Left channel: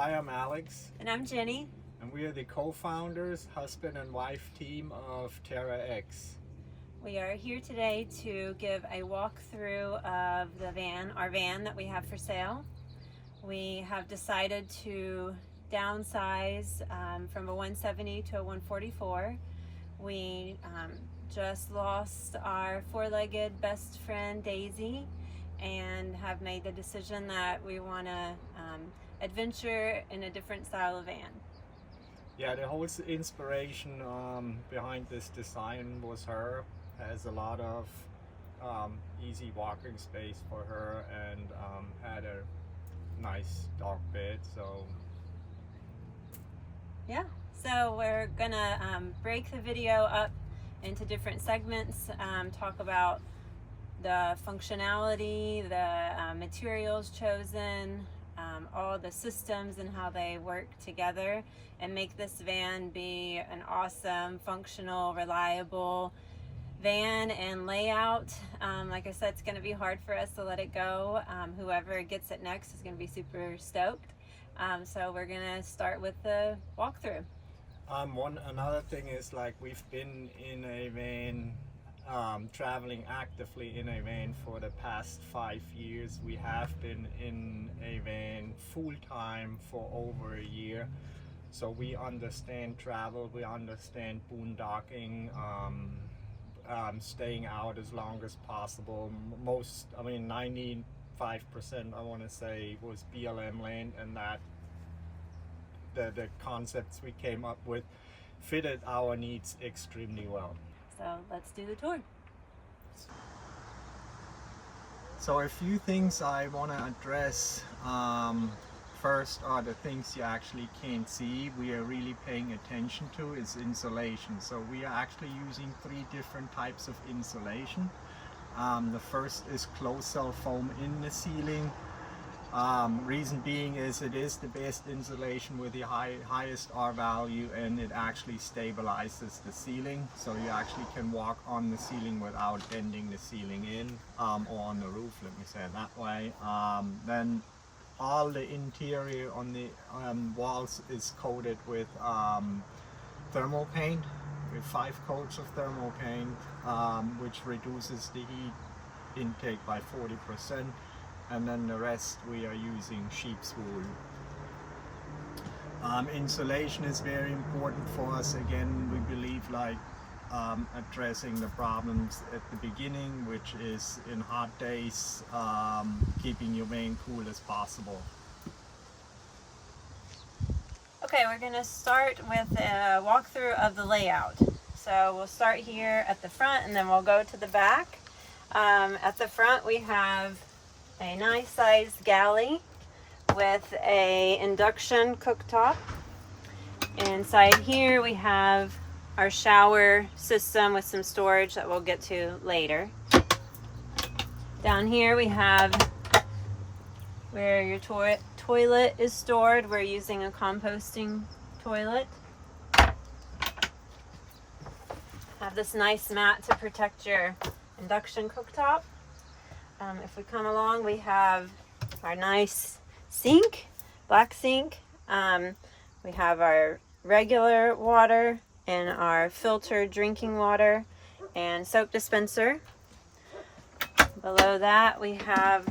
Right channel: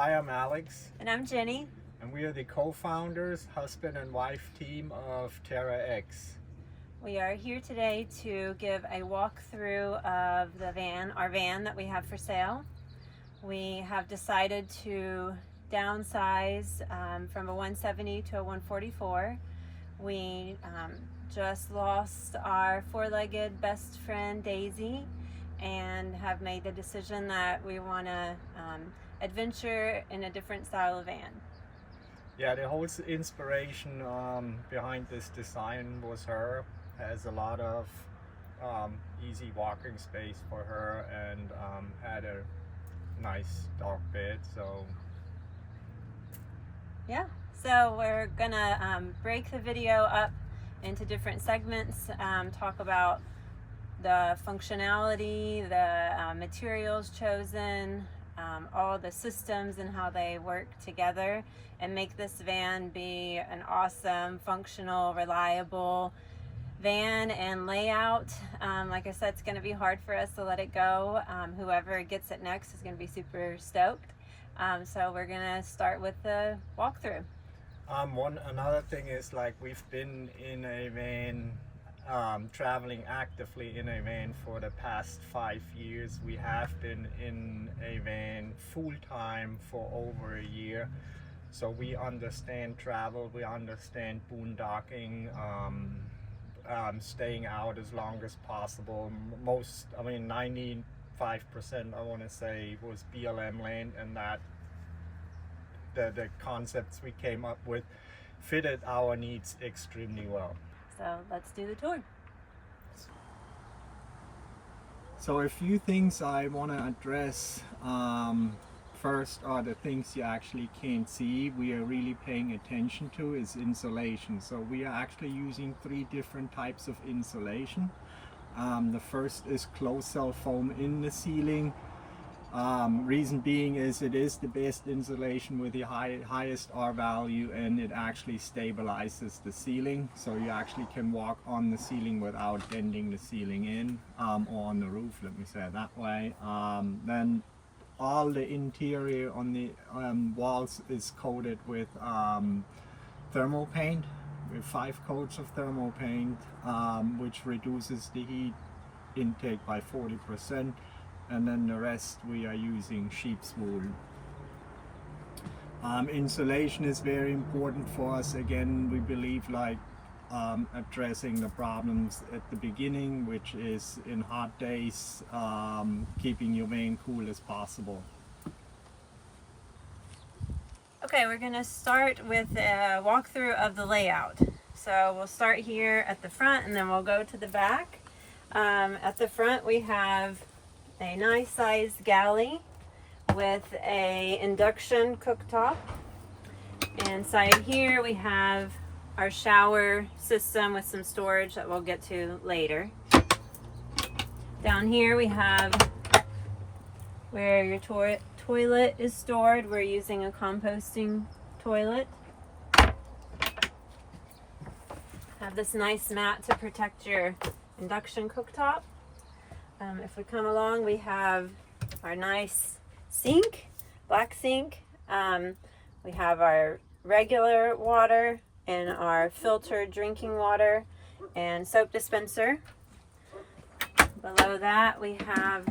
Hi, I'm Alex. And I'm Jenny. And we are the co-founders, husband and wife team of Terra X. We are here today to give a walkthrough of the van, our van that we have for sale. We have decided to downsize from a 170 to a 144. We just lost our four-legged best friend Daisy and have made the decision that we want to adventure in a different style of van. Yeah, the whole inspiration behind this design was her. Has a lot of easy walking space for her and had a nice dog bed. So yeah, so we're gonna break the video up into different segments, talk about the functionality, the materials chosen, all the systems and how they work together, and make this van be an awesome, functional, reliable van and layout. Like I said, it's going to be hard for us to let it go. Whoever gets it next is going to be super stoked. So we're going to start with the walkthrough. Another thing is, like, we've been in a van, traveling actively in a van for the past 5 years. We have been in a van full-time for over a year. So we understand travel, we understand boondocking, staying out as long as possible. 95% I want to say was BLM land, and that the concepts we came up with fitted our needs extremely well. So let's do the tour. So a few things I want to address. First are the things you actually can't see. We are really paying attention to is insulation. So we are actually using 3 different types of insulation. The first is closed cell foam in the ceiling. Reason being is it is the best insulation with the highest R value, and it actually stabilizes the ceiling. So you actually can walk on the ceiling without bending the ceiling in, or on the roof, let me say it that way. Then all the interior on the walls is coated with thermal paint, with 5 coats of thermal paint, which reduces the heat intake by 40%, and then the rest we are using sheep's wool. Insulation is very important for us. Again, we believe, like, addressing the problems at the beginning, which is in hot days, keeping your van cool as possible. Okay, we're going to start with a walkthrough of the layout. So we'll start here at the front and then we'll go to the back. At the front we have a nice sized galley with a induction cooktop. Inside here we have our shower system with some storage that we'll get to later. Down here we have where your toilet is stored. We're using a composting toilet. Have this nice mat to protect your induction cooktop. If we come along, we have our nice sink, black sink. We have our regular water and our filtered drinking water and soap dispenser. Below that we have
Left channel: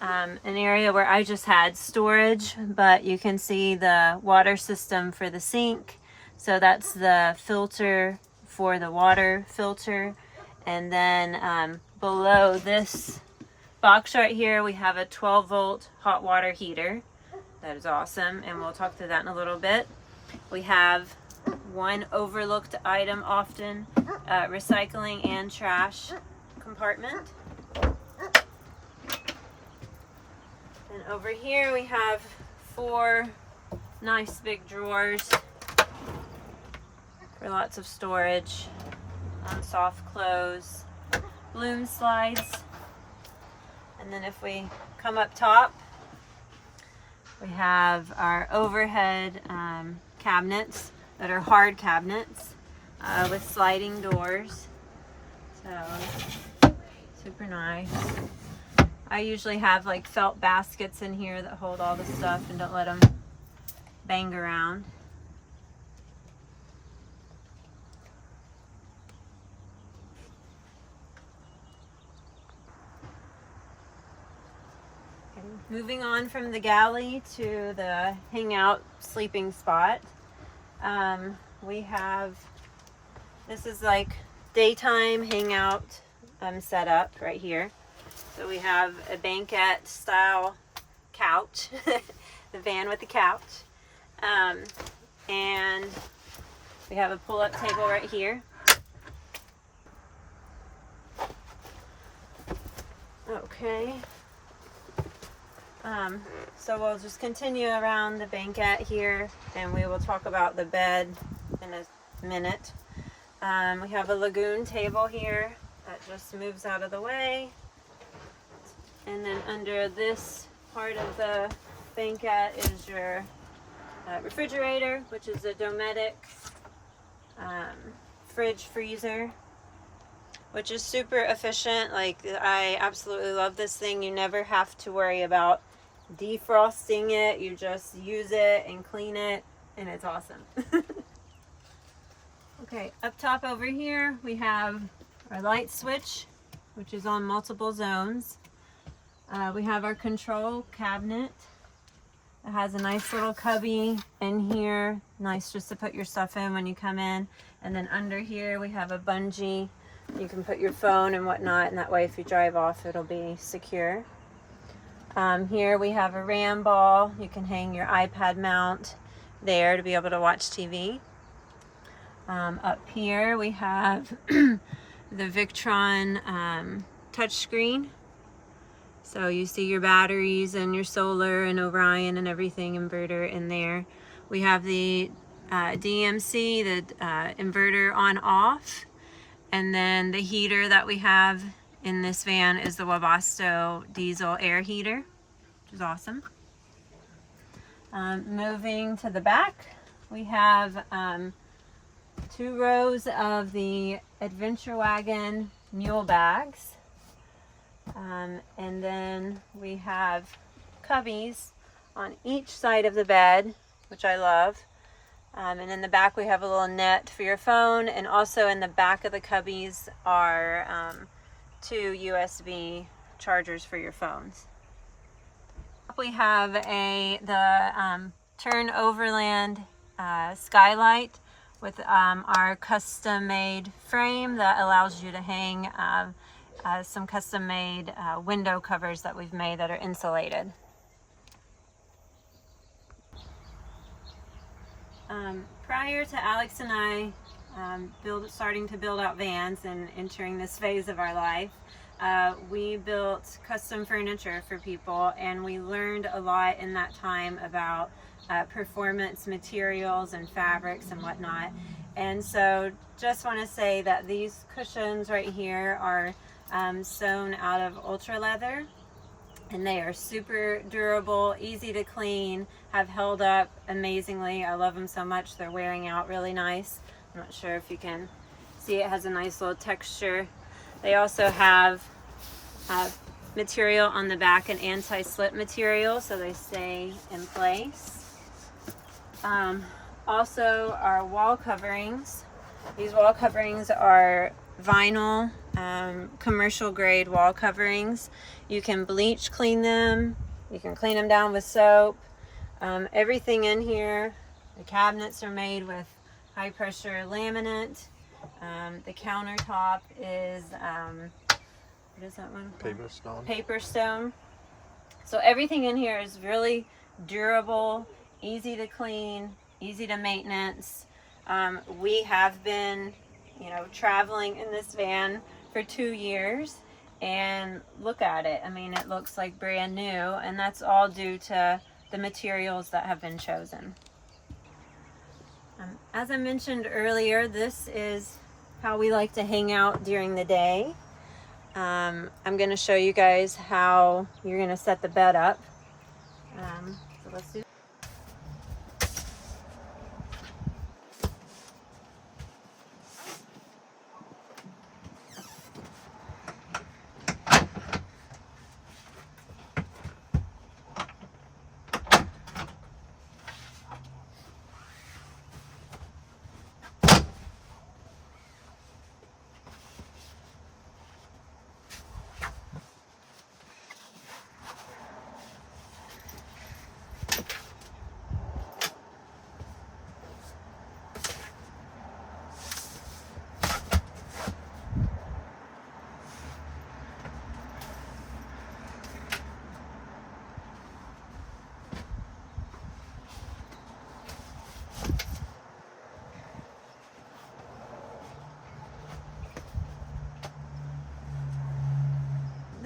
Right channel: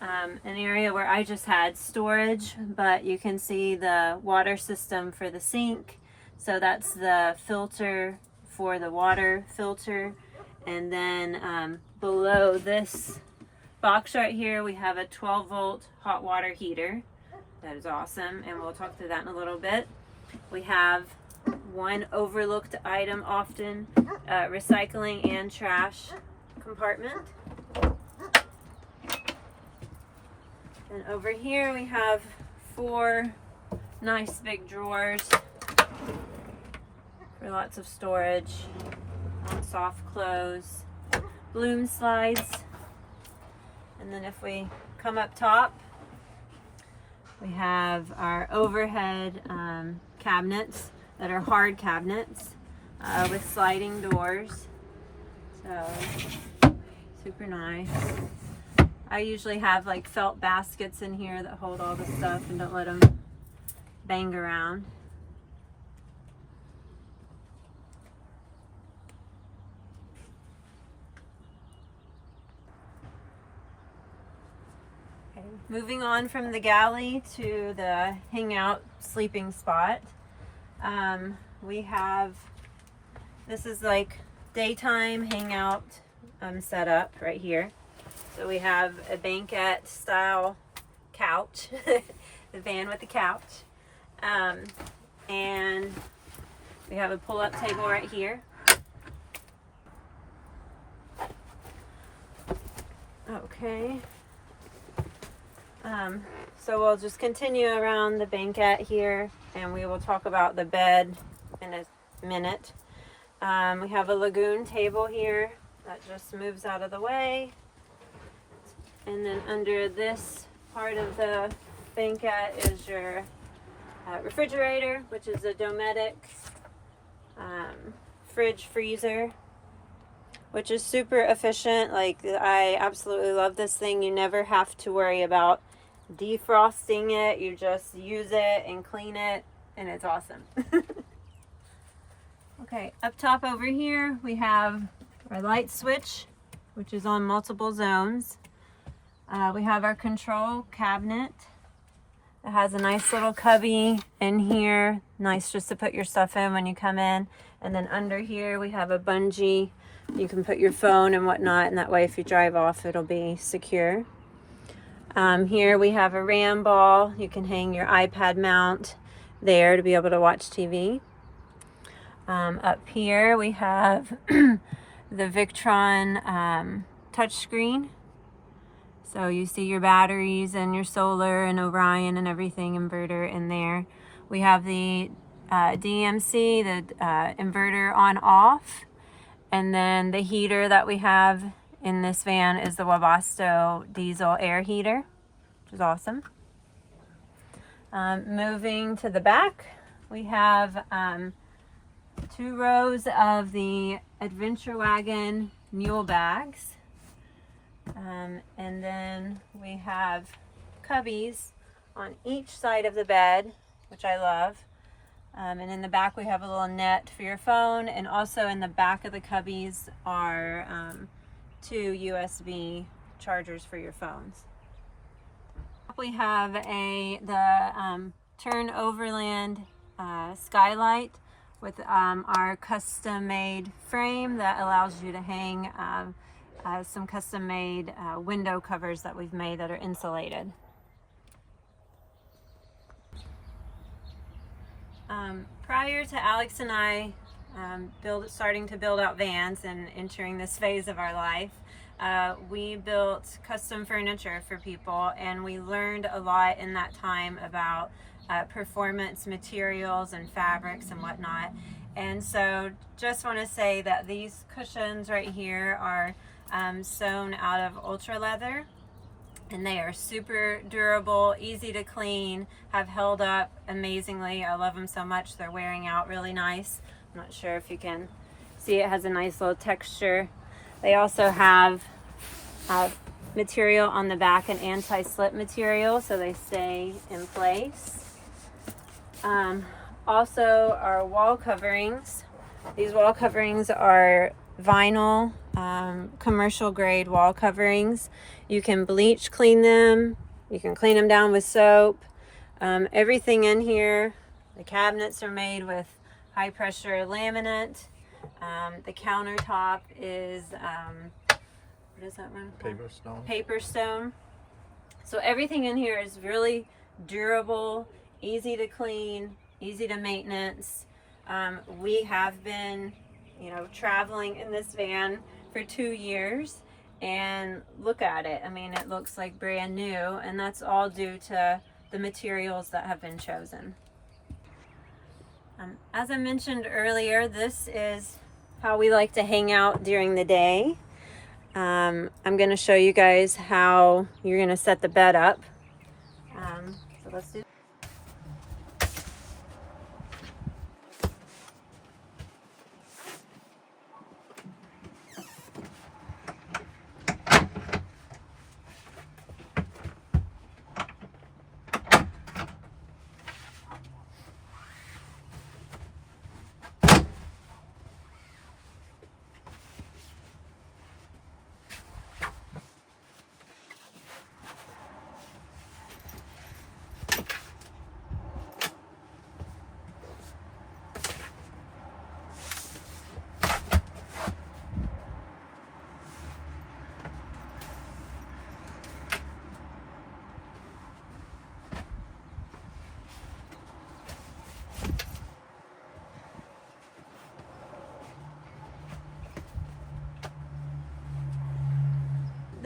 an area where I just had storage, but you can see the water system for the sink. So that's the filter for the water filter. And then below this box right here we have a 12-volt hot water heater. That is awesome, and we'll talk through that in a little bit. We have one overlooked item often, recycling and trash compartment. And over here we have 4 nice big drawers for lots of storage, soft clothes, balloon slides. And then if we come up top, we have our overhead cabinets that are hard cabinets with sliding doors. So super nice. I usually have like felt baskets in here that hold all the stuff and don't let them bang around. Okay, moving on from the galley to the hangout sleeping spot. We have, this is like daytime hangout setup right here. So we have a banquette style couch, the van with the couch, and we have a pull-up table right here. Okay. So we'll just continue around the banquette here, and we will talk about the bed in a minute. We have a lagoon table here that just moves out of the way. And then under this part of the banquette is your refrigerator, which is a Dometic fridge freezer, which is super efficient. Like, I absolutely love this thing. You never have to worry about defrosting it. You just use it and clean it, and it's awesome. Okay, up top over here we have our light switch, which is on multiple zones. We have our control cabinet. It has a nice little cubby in here, nice just to put your stuff in when you come in. And then under here we have a bungee. You can put your phone and whatnot, and that way if you drive off it'll be secure. Here we have a RAM ball. You can hang your iPad mount there to be able to watch TV. Up here we have the Victron touchscreen. So you see your batteries and your solar and Orion and everything, inverter in there. We have the DMC, the inverter on off. And then the heater that we have in this van is the Webasto diesel air heater, which is awesome. Moving to the back, we have 2 rows of the Adventure Wagon mule bags. And then we have cubbies on each side of the bed, which I love. And in the back we have a little net for your phone, and also in the back of the cubbies are 2 USB chargers for your phones. We have the Turn Overland skylight with our custom-made frame that allows you to hang some custom-made window covers that we've made that are insulated. Prior to Alex and I starting to build out vans and entering this phase of our life, we built custom furniture for people, and we learned a lot in that time about performance materials and fabrics and whatnot. And so just want to say that these cushions right here are sewn out of ultra leather, and they are super durable, easy to clean, have held up amazingly. I love them so much. They're wearing out really nice. I'm not sure if you can see, it has a nice little texture. They also have material on the back, an anti-slip material, so they stay in place. Also our wall coverings. These wall coverings are vinyl, commercial grade wall coverings. You can bleach clean them. You can clean them down with soap. Everything in here, the cabinets are made with high pressure laminate. The countertop is, what is that one called? Paper stone. Paper stone. So everything in here is really durable, easy to clean, easy to maintenance. We have been, traveling in this van for 2 years, and look at it. I mean, it looks like brand new, and that's all due to the materials that have been chosen. As I mentioned earlier, this is how we like to hang out during the day. I'm going to show you guys how you're going to set the bed up. So let's do.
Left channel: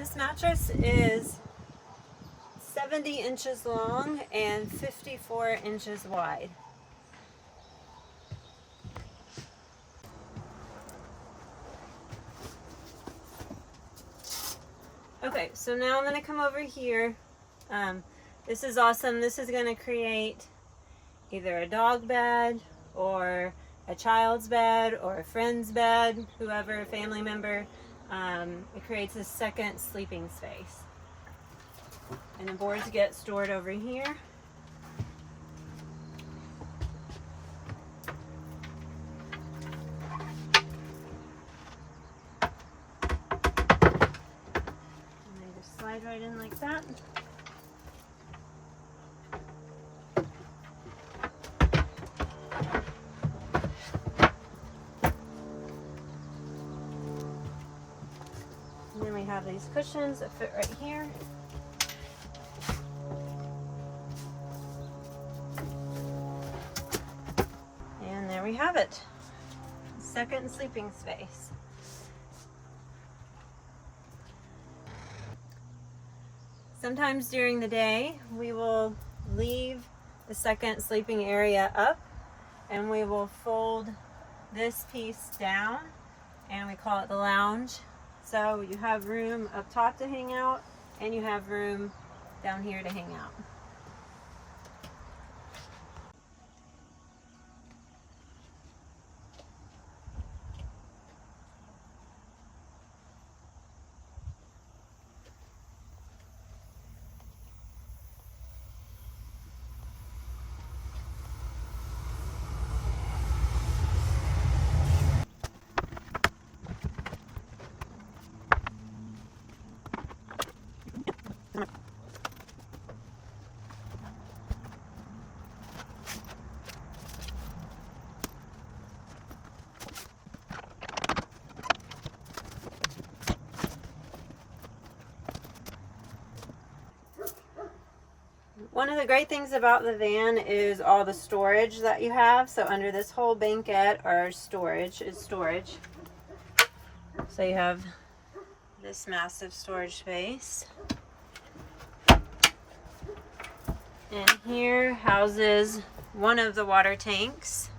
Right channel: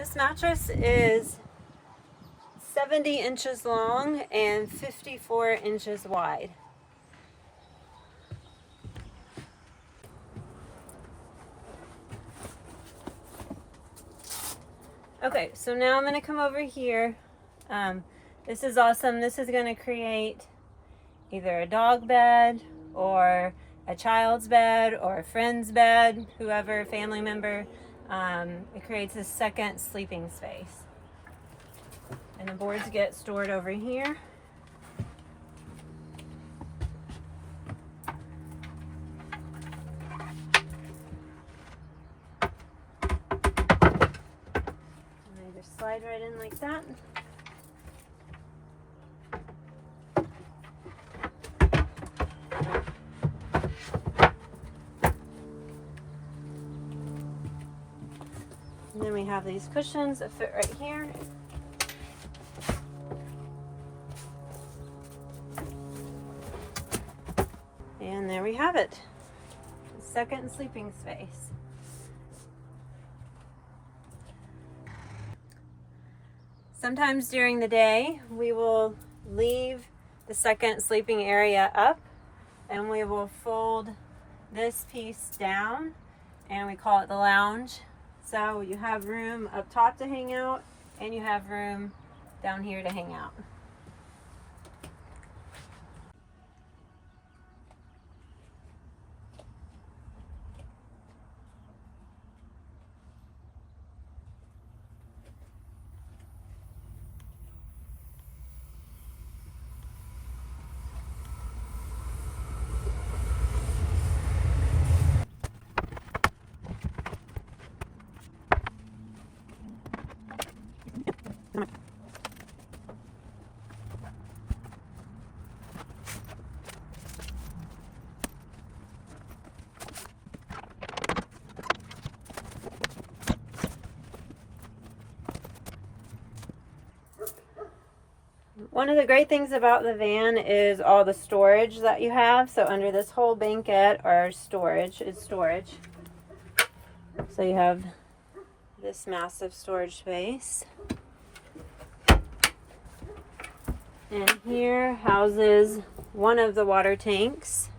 This mattress is 70 inches long and 54 inches wide. Okay, so now I'm going to come over here. This is awesome. This is going to create either a dog bed or a child's bed or a friend's bed, whoever, family member. It creates a second sleeping space. And the boards get stored over here. And they just slide right in like that. And then we have these cushions that fit right here. And there we have it. Second sleeping space. Sometimes during the day, we will leave the second sleeping area up and we will fold this piece down and we call it the lounge. So you have room up top to hang out and you have room down here to hang out. One of the great things about the van is all the storage that you have. So under this whole banquette are storage. So you have this massive storage space. And here houses one of the water tanks.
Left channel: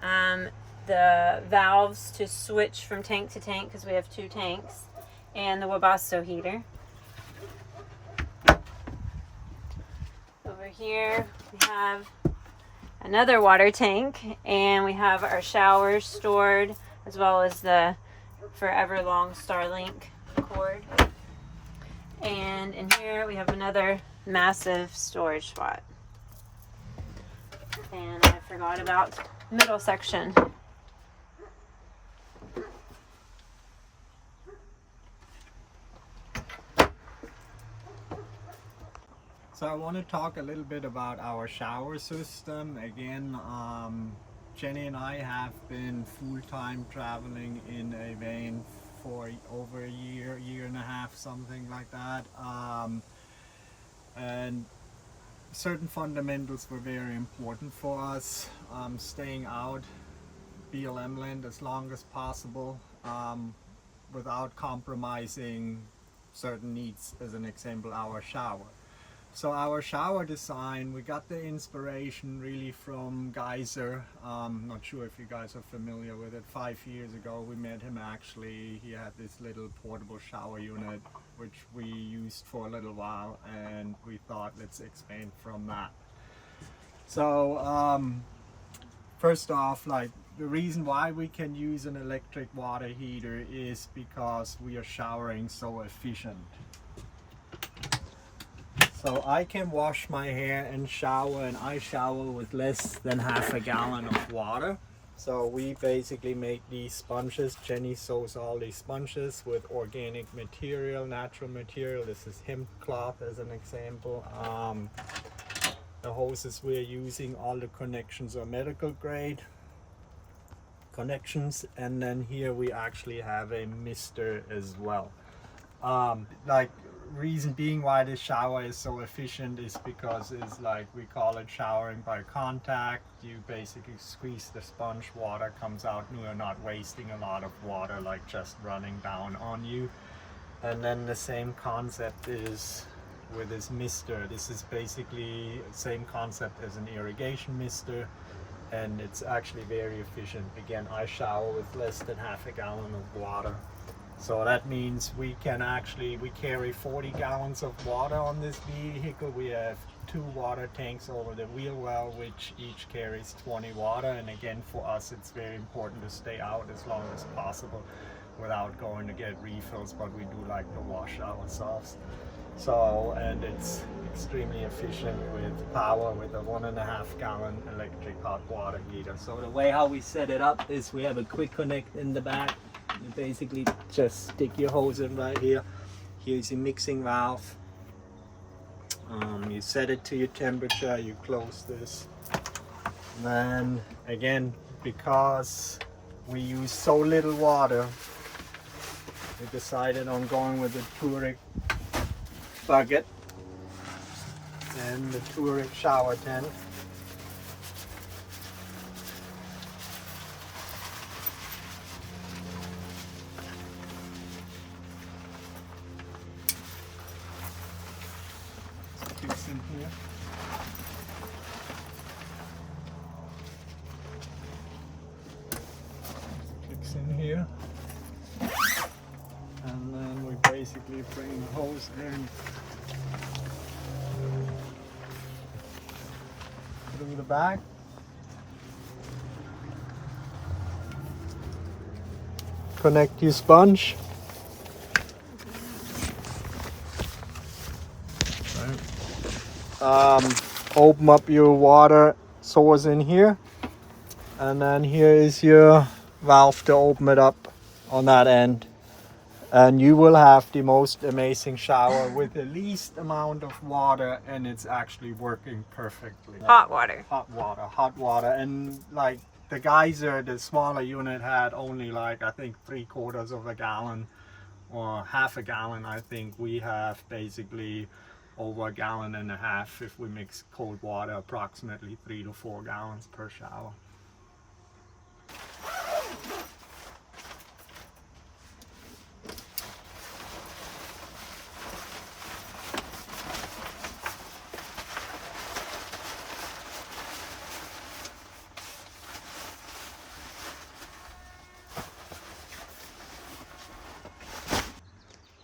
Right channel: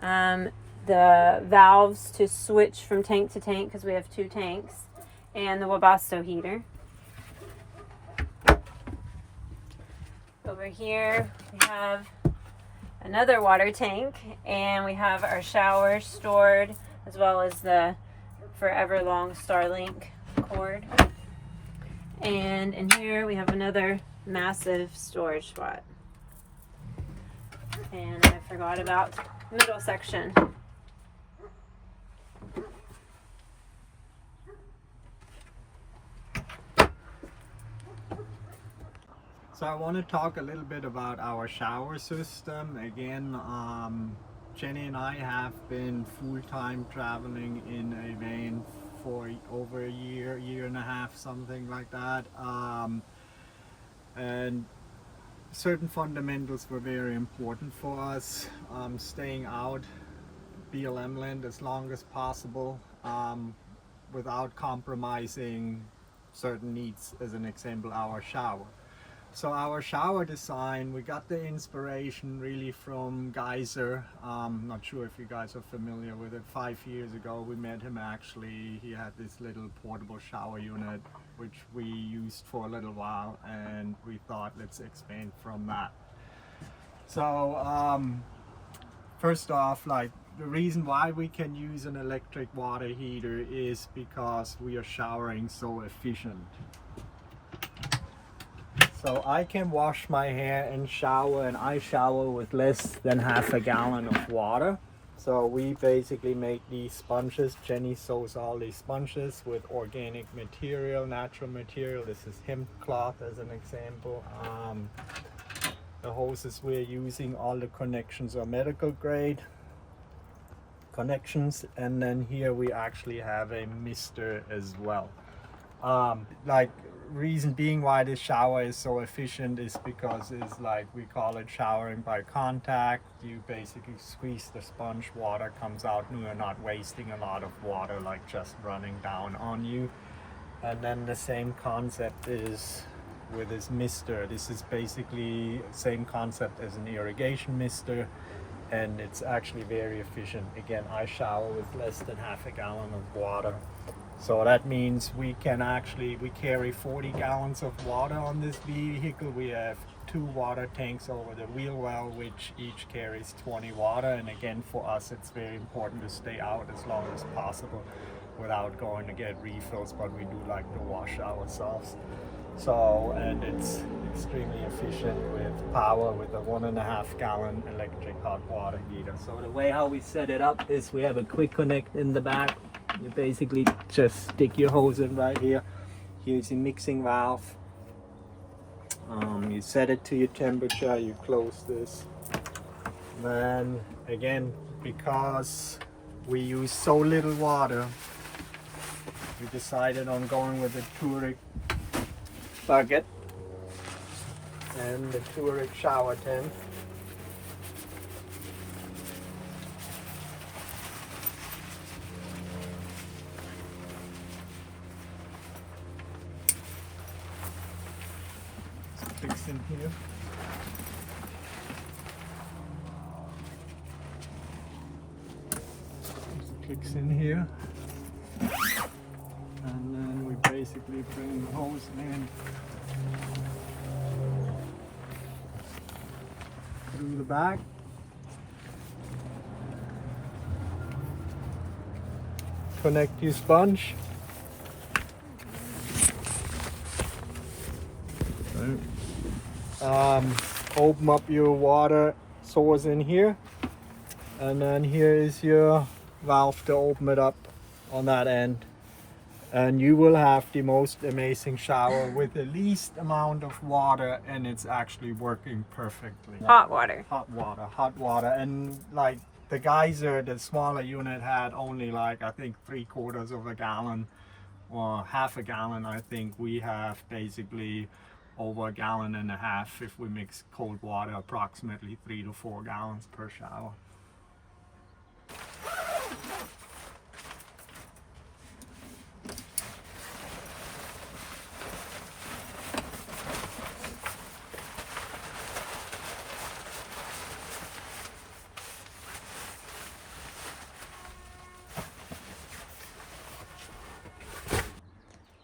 The valves to switch from tank to tank, because we have 2 tanks, and the Webasto heater. Over here we have another water tank, and we have our showers stored, as well as the forever long Starlink cord. And in here we have another massive storage spot. And I forgot about the middle section. So I want to talk a little bit about our shower system. Again, Jenny and I have been full-time traveling in a van for over a year and a half, something like that. And certain fundamentals were very important for us. Staying out BLM land as long as possible without compromising certain needs, as an example, our shower. So our shower design, we got the inspiration really from Geyser. Not sure if you guys are familiar with it. 5 years ago we met him actually. He had this little portable shower unit which we used for a little while, and we thought let's expand from that. So first off, like, the reason why we can use an electric water heater is because we are showering so efficient. So I can wash my hair and shower, and I shower with less than half a gallon of water. So we basically make these sponges. Jenny sews all these sponges with organic material, natural material. This is hemp cloth as an example. The hoses we're using, all the connections are medical grade connections, and then here we actually have a mister as well. Like, reason being why this shower is so efficient is because it's like, we call it showering by contact. You basically squeeze the sponge, water comes out, and you're not wasting a lot of water like just running down on you. And then the same concept is with this mister. This is basically same concept as an irrigation mister, and it's actually very efficient. Again, I shower with less than half a gallon of water. So that means we carry 40 gallons of water on this vehicle. We have 2 water tanks over the wheel well, which each carries 20 water. And again, for us, it's very important to stay out as long as possible without going to get refills, but we do like to wash ourselves. So, and it's extremely efficient with power with a 1.5 gallon electric hot water heater. So the way how we set it up is we have a quick connect in the back. You basically just stick your hose in right here. Here's your mixing valve. You set it to your temperature, you close this. Then again, because we use so little water, we decided on going with the Touareg bucket and the Touareg shower tank. Fix in here. Clicks in here, and then we basically bring the hose in through the back. Connect your sponge. Open up your water source in here, and then here is your valve to open it up on that end, and you will have the most amazing shower with the least amount of water, and it's actually working perfectly. Hot water. Hot water. And like the geyser, the smaller unit had only like I think 3/4 of a gallon or half a gallon. I think we have basically over 1.5 gallons if we mix cold water, approximately 3 to 4 gallons per shower.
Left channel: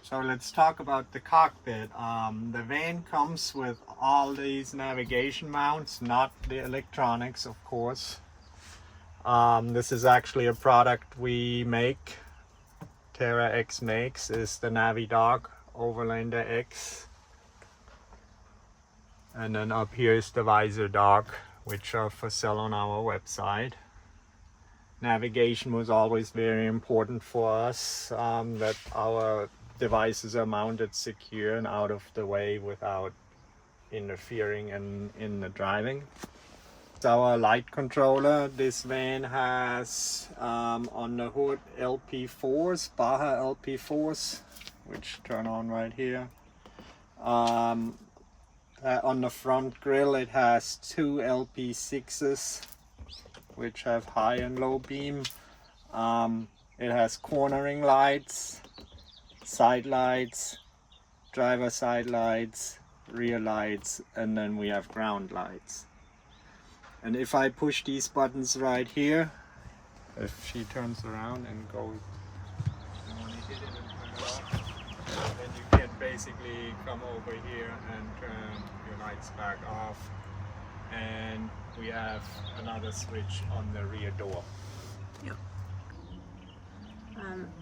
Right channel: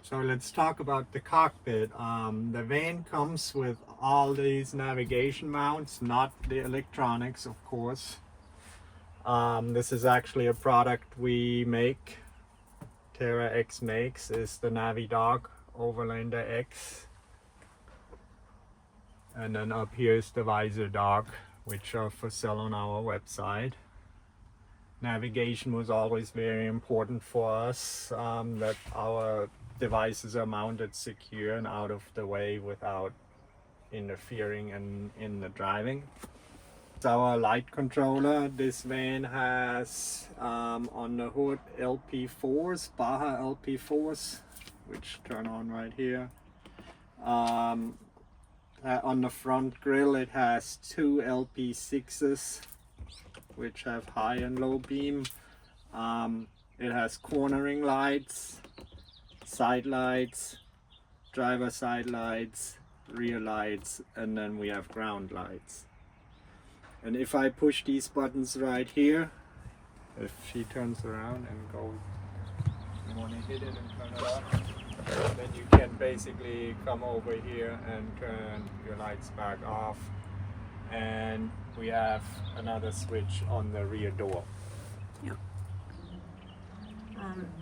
So let's talk about the cockpit. The van comes with all these navigation mounts, not the electronics, of course. This is actually a product we make. Terra X makes is the Navidock Overlander X. And then up here is the visor dock, which are for sale on our website. Navigation was always very important for us, that our devices are mounted secure and out of the way without interfering in the driving. It's our light controller. This van has on the hood LP4s, Baja LP4s, which turn on right here. On the front grille it has 2 LP6s, which have high and low beam. It has cornering lights, side lights, driver side lights, rear lights, and then we have ground lights. And if I push these buttons right here, if she turns around and goes, you want to hit it and turn it off, then you can basically come over here and turn your lights back off. And we have another switch on the rear door. Yep.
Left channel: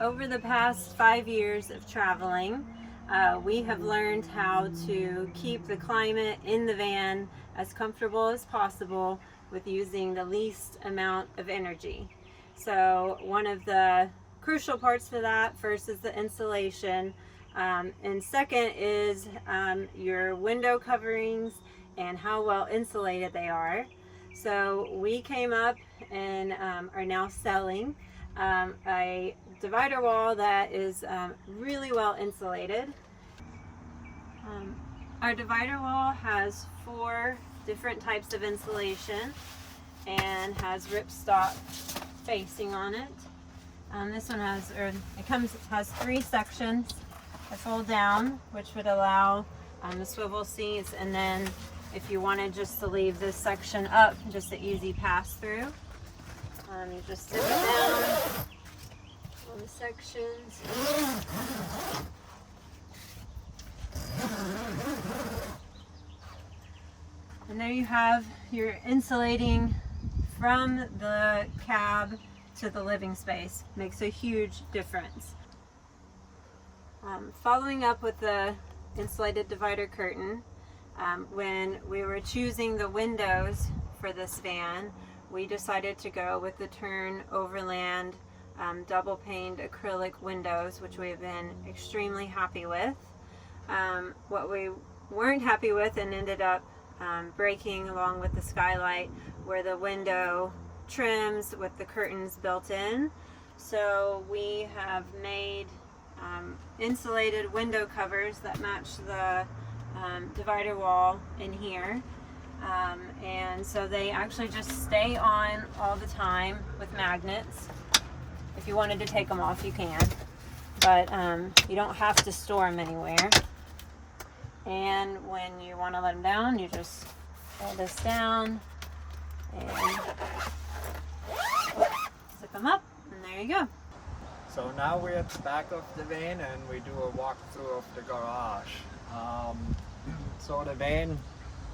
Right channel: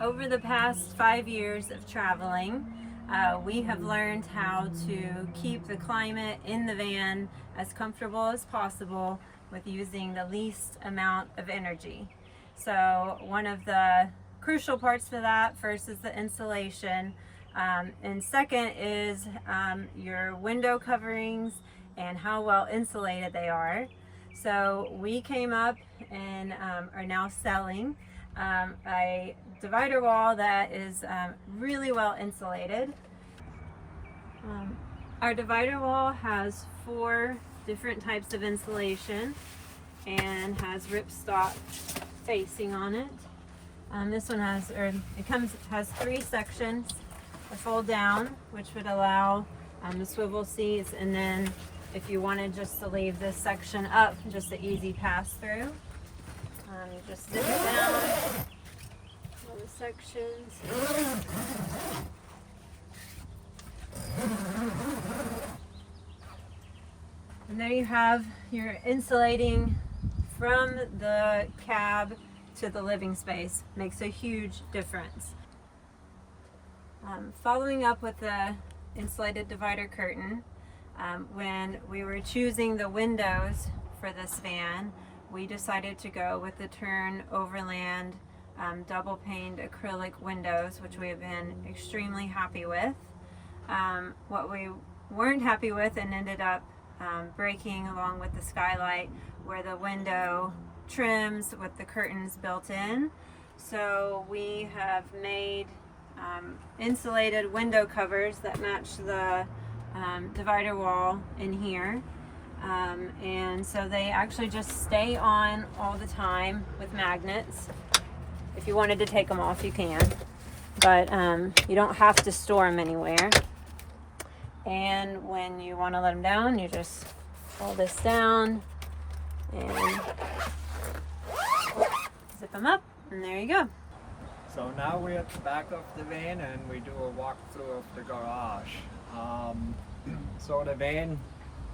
Over the past 5 years of traveling, we have learned how to keep the climate in the van as comfortable as possible with using the least amount of energy. So one of the crucial parts for that, first is the insulation, and second is your window coverings and how well insulated they are. So we came up and are now selling a divider wall that is really well insulated. Our divider wall has 4 different types of insulation and has ripstop facing on it. This one has 3 sections. the fold down, which would allow the swivel seats, and then if you wanted just to leave this section up, just an easy pass through, you just zip it down all the sections. And there you have your insulating from the cab to the living space. Makes a huge difference. Following up with the insulated divider curtain, when we were choosing the windows for this van, we decided to go with the Turn Overland double paned acrylic windows, which we have been extremely happy with. What we weren't happy with and ended up breaking along with the skylight were the window trims with the curtains built in. So we have made insulated window covers that match the divider wall in here, and so they actually just stay on all the time with magnets. If you wanted to take them off, you can, but you don't have to store them anywhere. And when you want to let them down, you just pull this down and zip them up, and there you go. So now we're at the back of the van and we do a walkthrough of the garage. So the van,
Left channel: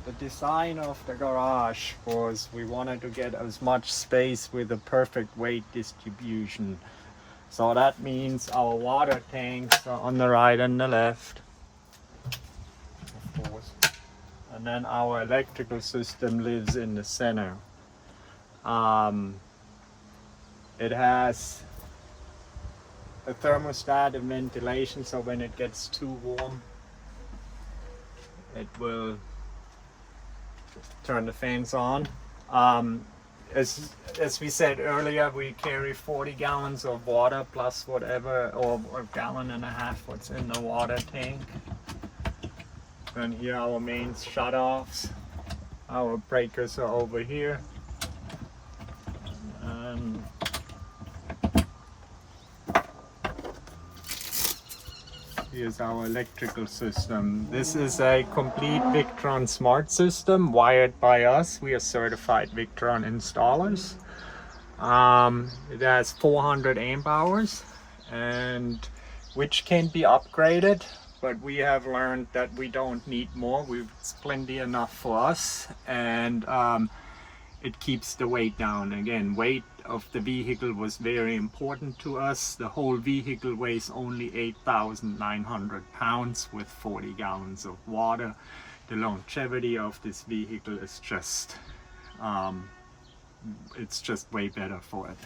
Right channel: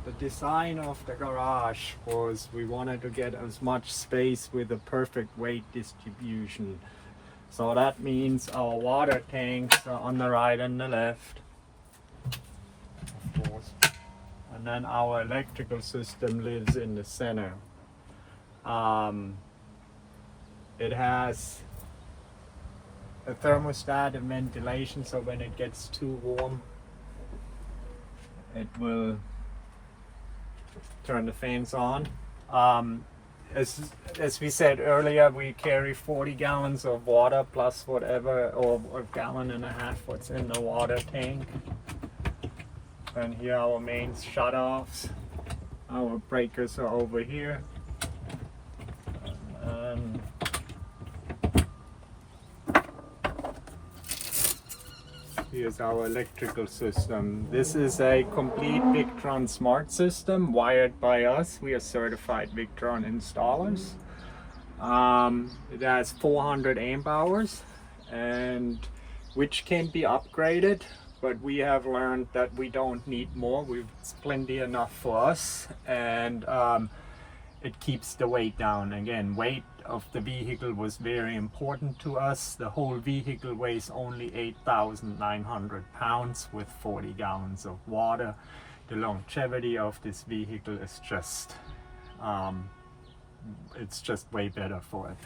the design of the garage was we wanted to get as much space with a perfect weight distribution. So that means our water tanks are on the right and the left, of course. And then our electrical system lives in the center. It has a thermostat and ventilation, so when it gets too warm, it will turn the fans on. As we said earlier, we carry 40 gallons of water plus whatever, or a gallon and a half what's in the water tank. And here are our main shutoffs. Our breakers are over here. Here's our electrical system. This is a complete Victron smart system wired by us. We are certified Victron installers. It has 400 amp hours, and which can be upgraded, but we have learned that we don't need more. It's plenty enough for us, and it keeps the weight down. Again, weight of the vehicle was very important to us. The whole vehicle weighs only 8,900 pounds with 40 gallons of water. The longevity of this vehicle is just, it's just way better for it.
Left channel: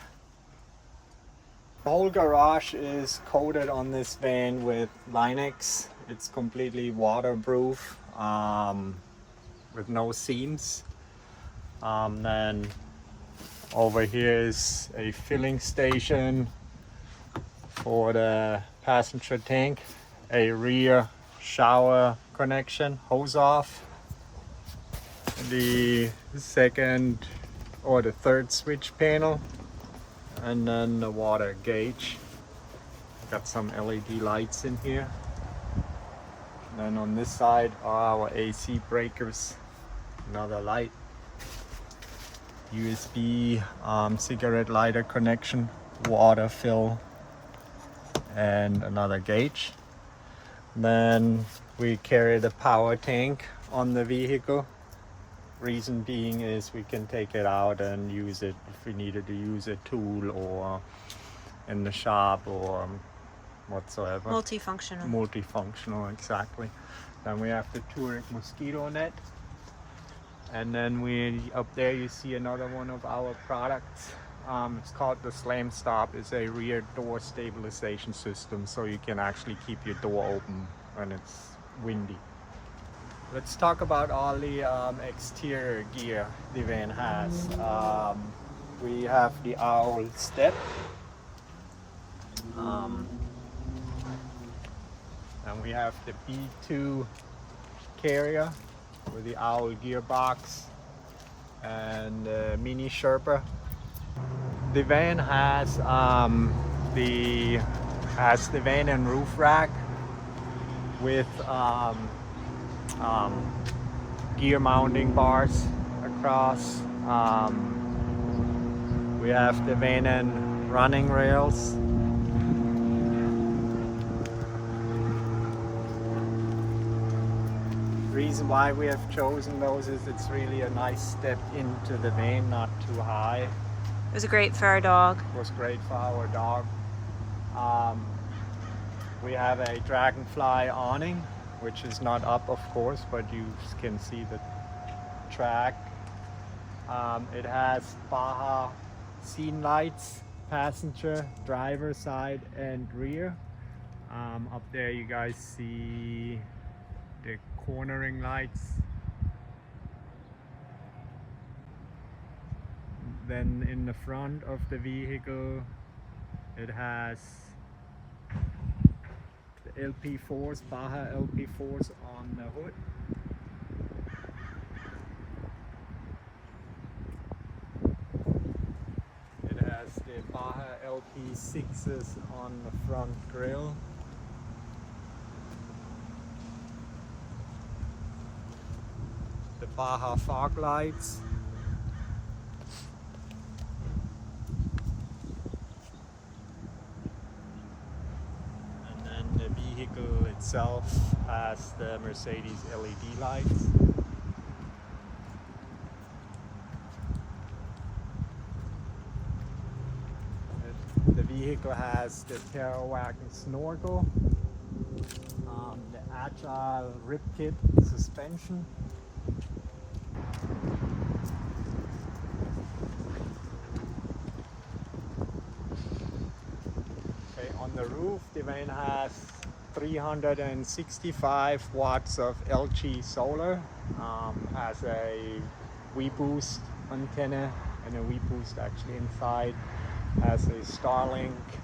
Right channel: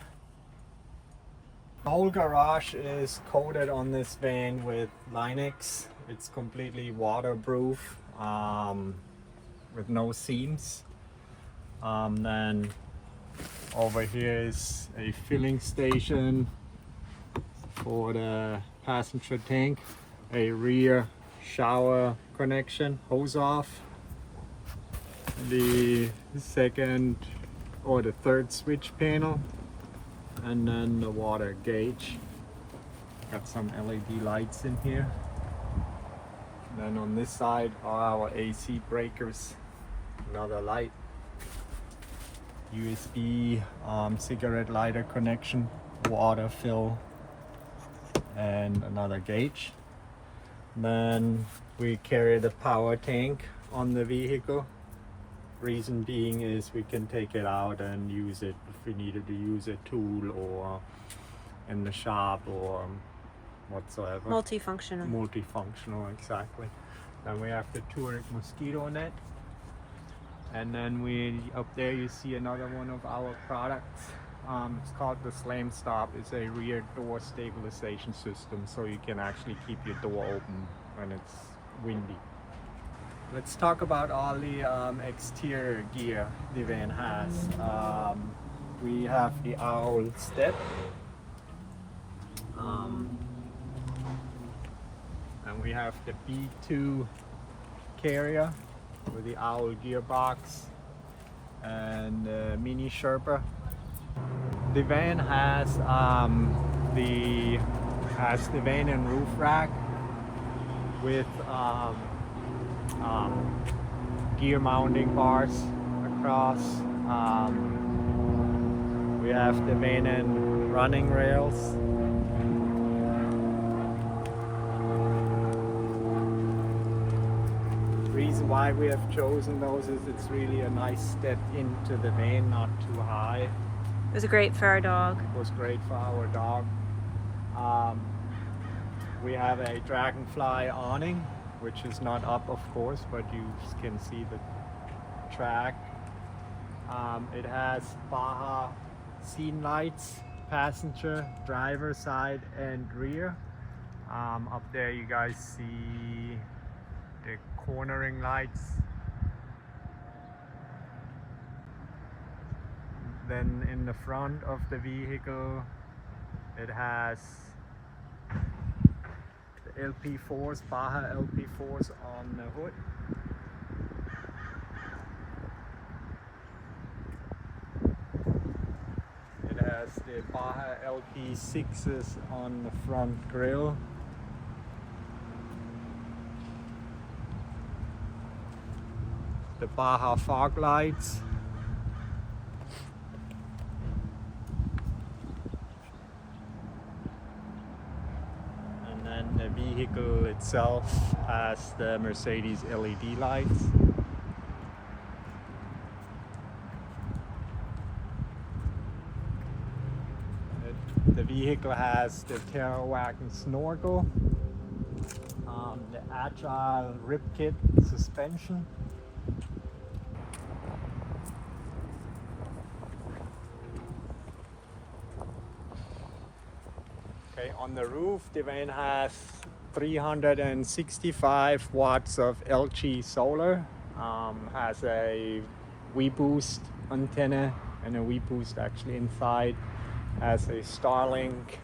The whole garage is coated on this van with Line-X. It's completely waterproof, with no seams. Then over here is a filling station for the passenger tank, a rear shower connection, hose off, the second or the third switch panel, and then the water gauge. Got some LED lights in here. And then on this side are our AC breakers, another light. USB cigarette lighter connection, water fill, and another gauge. Then we carry the power tank on the vehicle. Reason being is we can take it out and use it if we needed to use a tool or in the shop or whatsoever. Multifunctional. Multifunctional, exactly. Then we have the Turret mosquito net. And then up there you see another one of our products. It's called the Slam Stop. It's a rear door stabilization system, so you can actually keep your door open when it's windy. Let's talk about all the exterior gear the van has. We have the owl step. And we have the B2 carrier with the owl gearbox and mini Sherpa. The van has the van and roof rack, with gear mounting bars across. We have the van and running rails. The reason why we have chosen those is it's really a nice step into the van, not too high. It was great for our dog. It was great for our dog. We have a dragonfly awning, which is not up of course, but you can see the track. It has Baja scene lights, passenger, driver side and rear. Up there you guys see the cornering lights. Then in the front of the vehicle it has the LP4s, Baja LP4s on the hood. It has the Baja LP6s on the front grille. The Baja fog lights. And then the vehicle itself has the Mercedes LED lights. The vehicle has the Terra wagon snorkel, the Agile rib kit suspension. Okay, on the roof the van has 365 watts of LG solar, has a V-boost antenna and a V-boost actually inside, has a Starlink,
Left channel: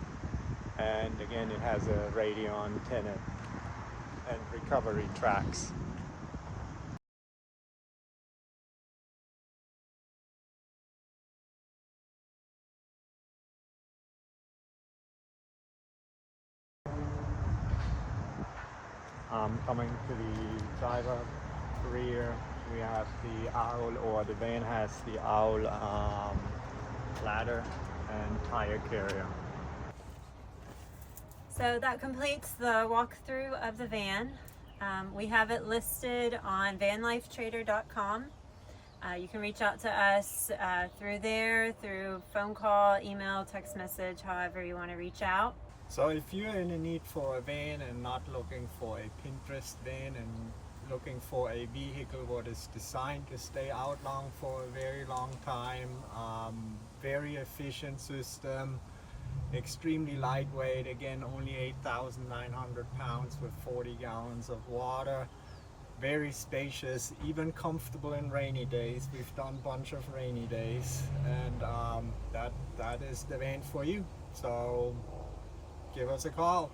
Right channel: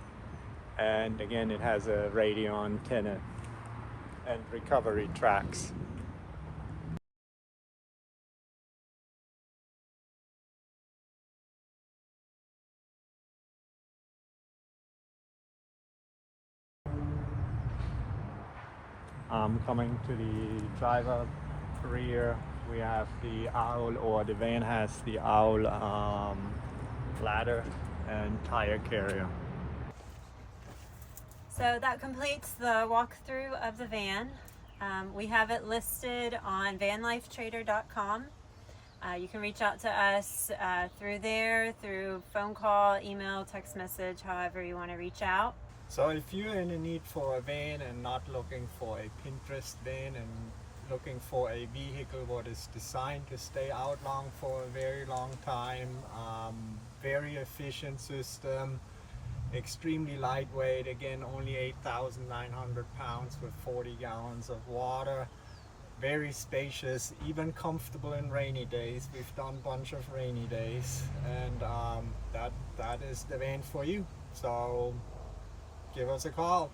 and again it has a radio antenna and recovery tracks. Coming to the driver rear, we have the owl, or the van has the owl ladder and tire carrier. So that completes the walkthrough of the van. We have it listed on vanlifetrader.com. You can reach out to us through there, through phone call, email, text message, however you want to reach out. So if you're in a need for a van and not looking for a Pinterest van and looking for a vehicle what is designed to stay out long for a very long time, very efficient system, extremely lightweight, again only 8,900 pounds with 40 gallons of water, very spacious, even comfortable in rainy days. We've done a bunch of rainy days, and that is the van for you. So give us a call.